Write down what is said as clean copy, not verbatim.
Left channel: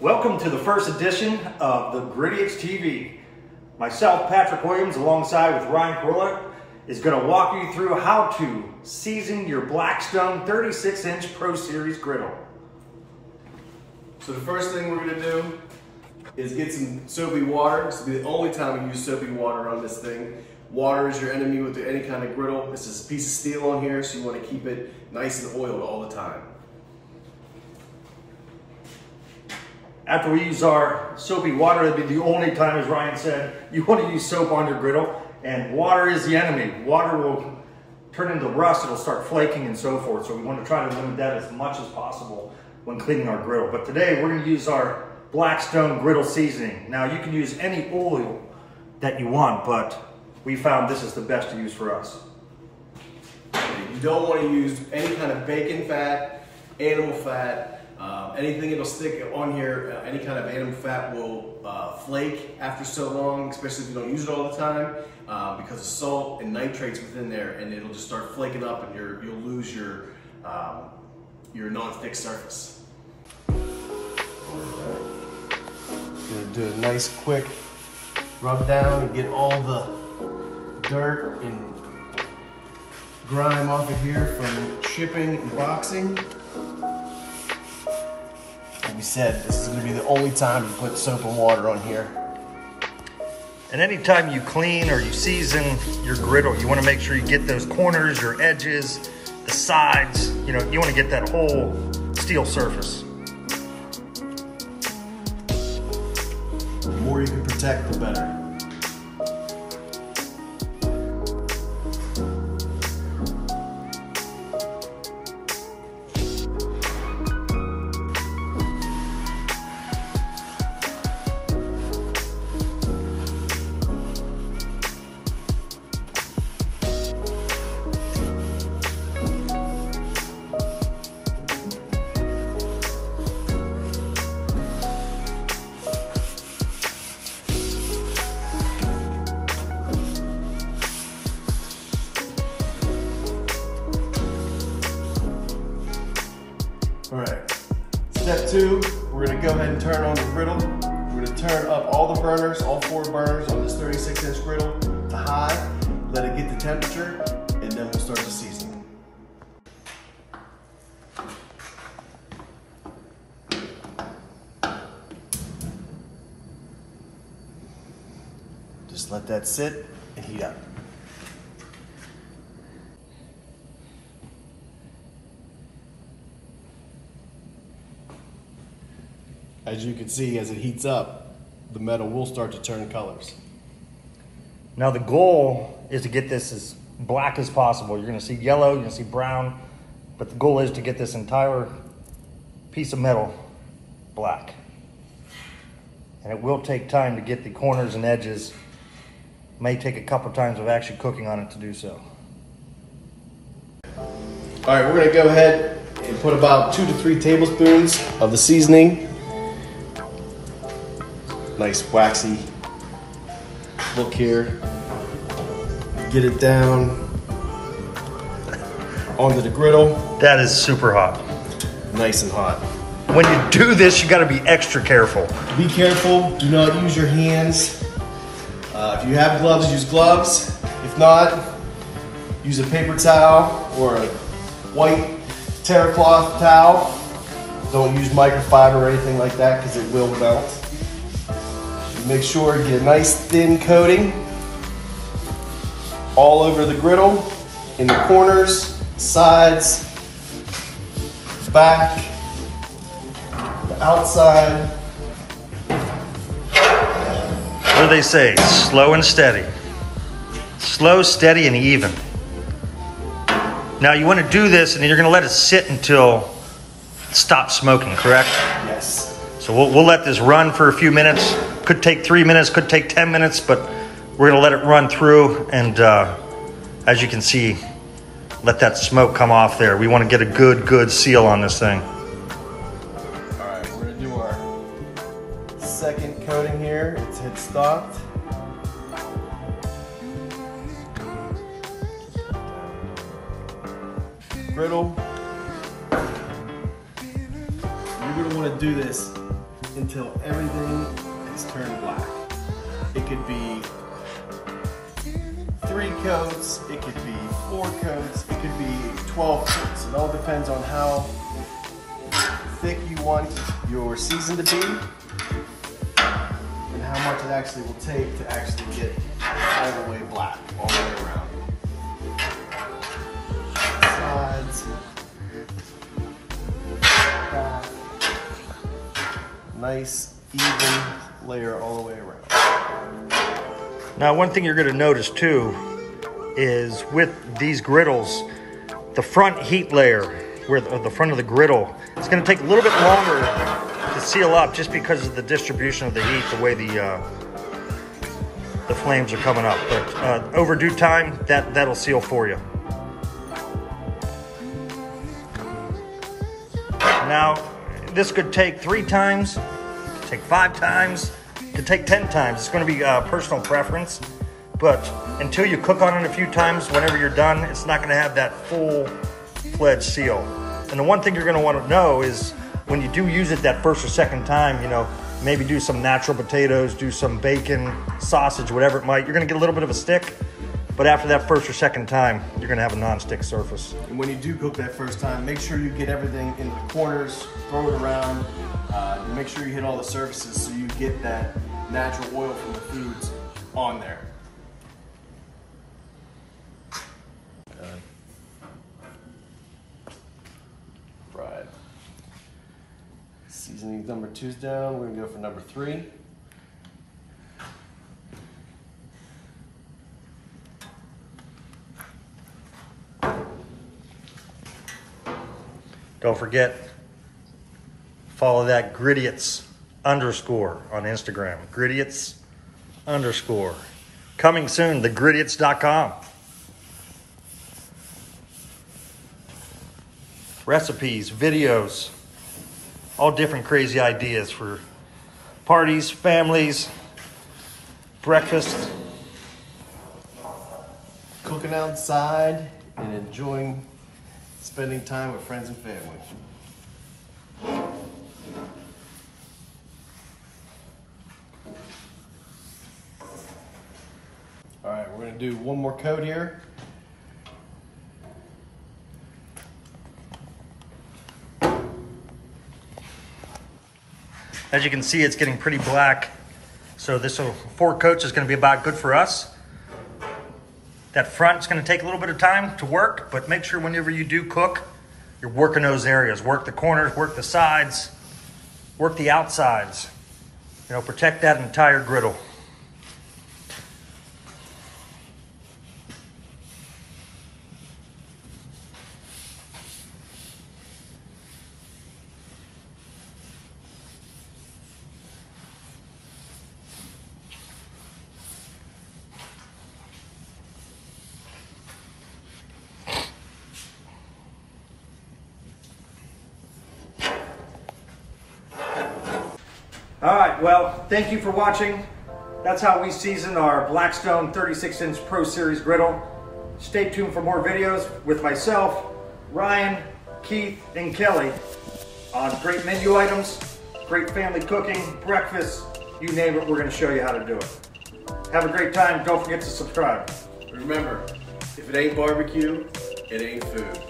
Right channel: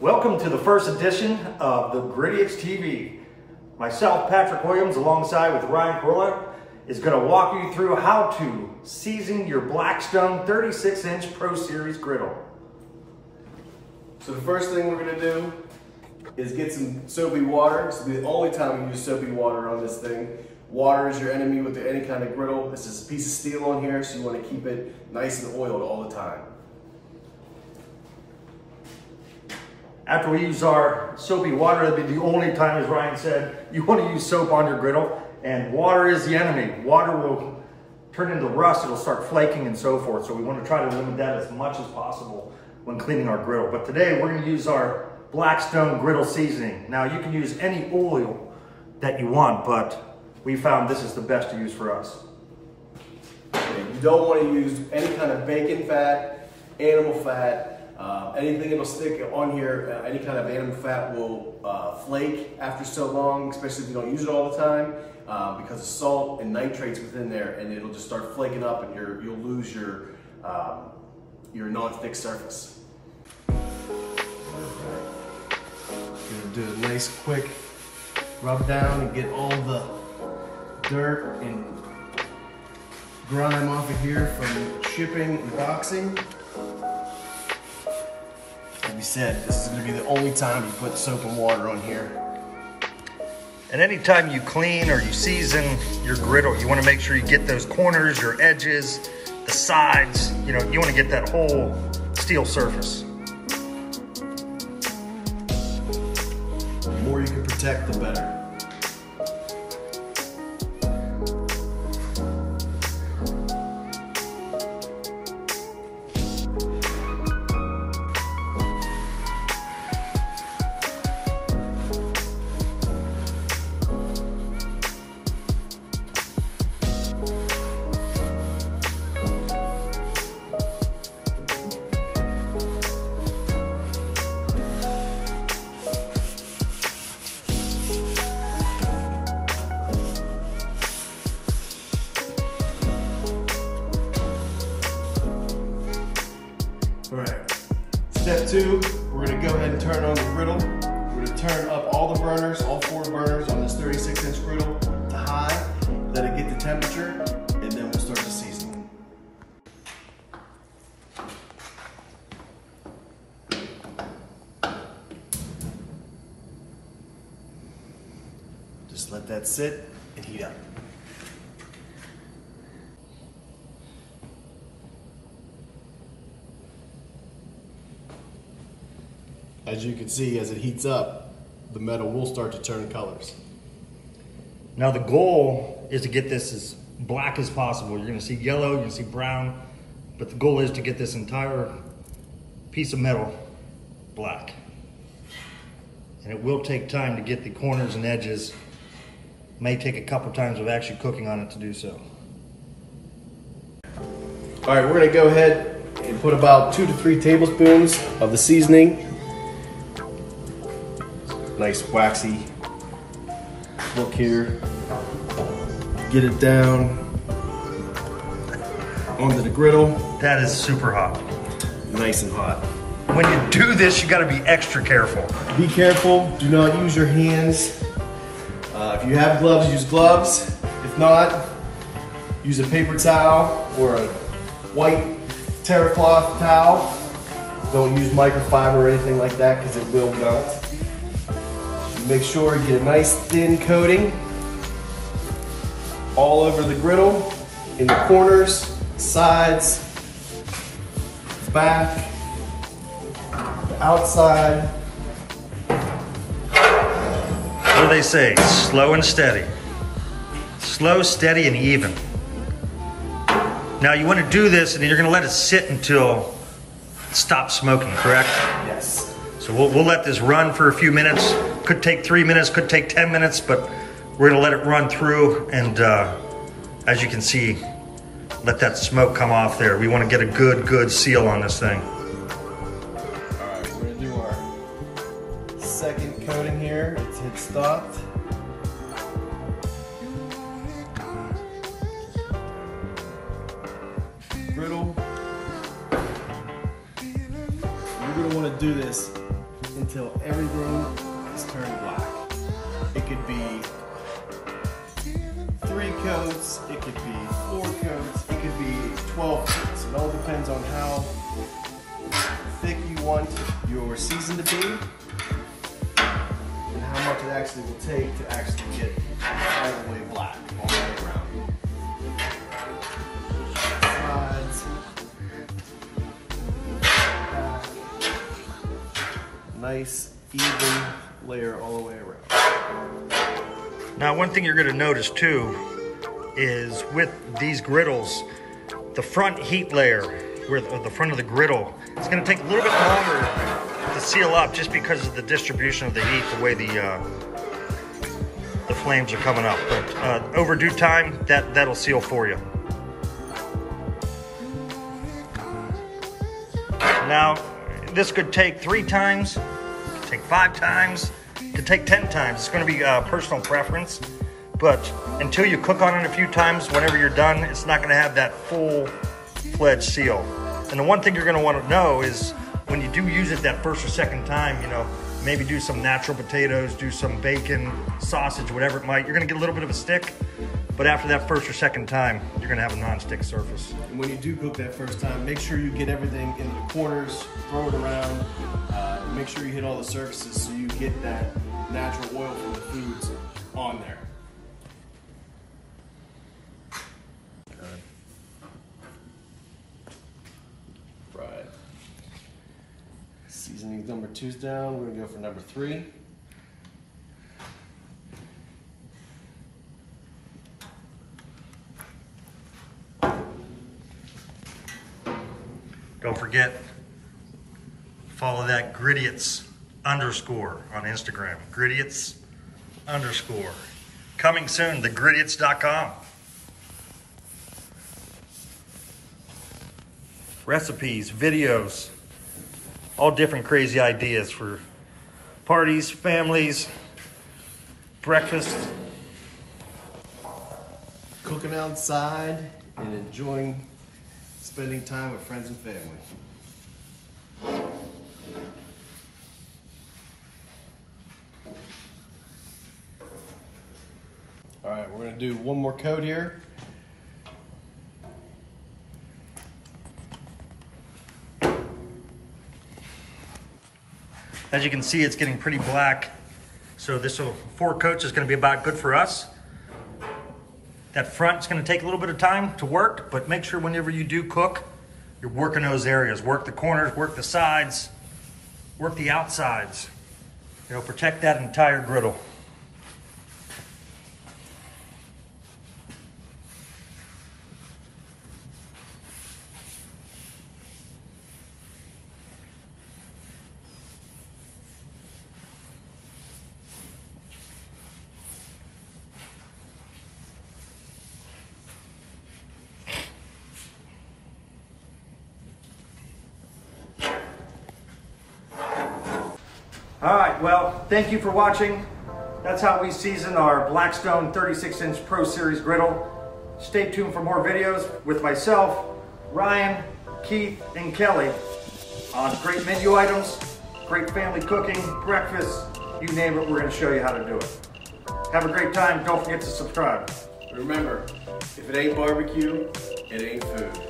Welcome to the first edition of the Gridiots TV. Myself, Patrick Williams, alongside with Ryan Corlett, is going to walk you through how to season your Blackstone 36-inch Pro Series griddle. So the first thing we're going to do is get some soapy water. This will be the only time we use soapy water on this thing. Water is your enemy with any kind of griddle. This is a piece of steel on here, so you want to keep it nice and oiled all the time. After we use our soapy water, it'll be the only time, as Ryan said, you want to use soap on your griddle, and water is the enemy. Water will turn into rust, it'll start flaking and so forth, so we want to try to limit that as much as possible when cleaning our griddle. But today we're going to use our Blackstone griddle seasoning. Now you can use any oil that you want, but we found this is the best to use for us. You don't want to use any kind of bacon fat, animal fat, anything that'll stick on here. Any kind of animal fat will flake after so long, especially if you don't use it all the time, because of salt and nitrates within there, and it'll just start flaking up, and you'll lose your non-thick surface. Gonna do a nice quick rub down and get all the dirt and grime off of here from shipping and boxing. Like we said, this is going to be the only time you put soap and water on here. And anytime you clean or you season your griddle, you want to make sure you get those corners, your edges, the sides, you want to get that whole steel surface. The more you can protect, the better. All right, step 2, we're gonna go ahead and turn on the griddle. We're gonna turn up all the burners, all 4 burners on this 36-inch griddle to high, let it get the temperature, and then we'll start the seasoning. Just let that sit and heat up. As you can see, as it heats up, the metal will start to turn colors. Now the goal is to get this as black as possible. You're gonna see yellow, you're gonna see brown, but the goal is to get this entire piece of metal black. And it will take time to get the corners and edges. May take a couple times of actually cooking on it to do so. All right, we're gonna go ahead and put about 2 to 3 tablespoons of the seasoning. Nice waxy look here. Get it down onto the griddle. That is super hot. Nice and hot. When you do this, you gotta be extra careful. Be careful, do not use your hands. If you have gloves, use gloves. If not, use a paper towel or a white terracloth towel. Don't use microfiber or anything like that because it will melt. Make sure you get a nice thin coating all over the griddle, in the corners, sides, back, the outside. What do they say? Slow and steady. Slow, steady, and even. Now you want to do this and then you're going to let it sit until it stops smoking, correct? Yes. So we'll let this run for a few minutes. Could take 3 minutes, could take 10 minutes, but we're gonna let it run through, and as you can see, let that smoke come off there. We wanna get a good seal on this thing. All right, we're gonna do our second coating here. It's hit stopped. Griddle. You're gonna wanna do this until everything is turned black. It could be 3 coats, it could be 4 coats, it could be 12 coats. It all depends on how thick you want your season to be and how much it actually will take to actually get all the way black, all the way around. Sides. Nice, even layer all the way around. Now, one thing you're going to notice too is with these griddles, the front heat layer, where the front of the griddle, it's going to take a little bit longer to seal up just because of the distribution of the heat, the way the flames are coming up. But over due time, that'll seal for you. Now, this could take 3 times, could take 5 times, could take 10 times. It's going to be personal preference, but until you cook on it a few times, whenever you're done, it's not going to have that full-fledged seal. And the one thing you're going to want to know is when you do use it that first or second time, you know, maybe do some natural potatoes, do some bacon, sausage, whatever it might, you're going to get a little bit of a stick. But after that first or second time, you're gonna have a non-stick surface. And when you do cook that first time, make sure you get everything in the corners, throw it around, and make sure you hit all the surfaces so you get that natural oil from the foods on there. Right. Seasoning number 2's down, we're gonna go for number 3. Don't forget, follow that Gridiots _ on Instagram. Gridiots _ Coming soon, thegridiots.com. Recipes, videos, all different crazy ideas for parties, families, breakfast. Cooking outside and enjoying spending time with friends and family. All right, we're gonna do one more coat here. As you can see, it's getting pretty black. So this 4 coats is gonna be about good for us. That front's gonna take a little bit of time to work, but make sure whenever you do cook, you're working those areas. Work the corners, work the sides, work the outsides. You know, protect that entire griddle. All right, well, thank you for watching. That's how we season our Blackstone 36-inch Pro Series griddle. Stay tuned for more videos with myself, Ryan, Keith, and Kelly on great menu items, great family cooking, breakfast, you name it, we're gonna show you how to do it. Have a great time. Don't forget to subscribe. Remember, if it ain't barbecue, it ain't food.